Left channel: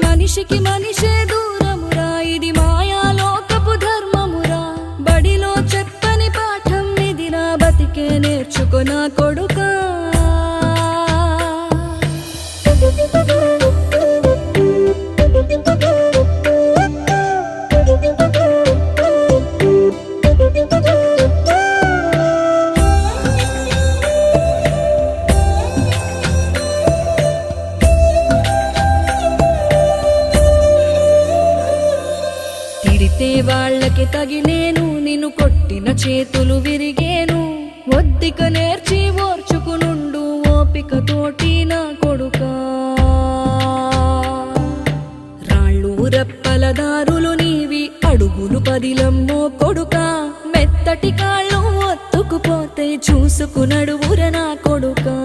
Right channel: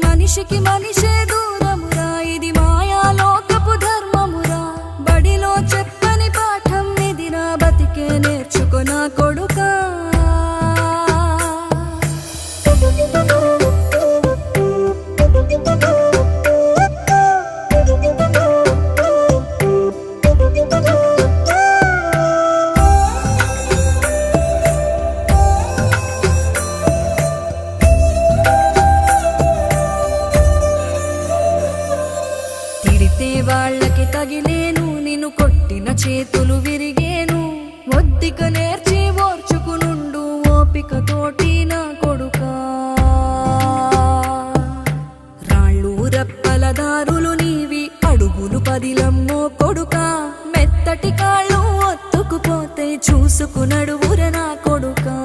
మనిషికి మనిషే దూరమురా, ఇది మాయాలోకపు ధర్మమురా. బడిలో చెప్పని పాఠం ఇదిరా, బతికే నేర్చుకో నా కొడుకా. తిడితే వాళ్ళకి తగిలేను, నిన్ను కొట్టిన చేతులు విరిగేను. ఒద్దిక నేర్చి ఓర్చుకునుండు ఓపికతోటి నా కొడుకా. రాళ్ళు రప్పల దారులు నీవి, అడుగులు పదిలమ్మో కొడుకా. మెత్తటి కాళ్ళు ఒత్తుకుపోతే చూసుకునడువుర నా కొడుకా.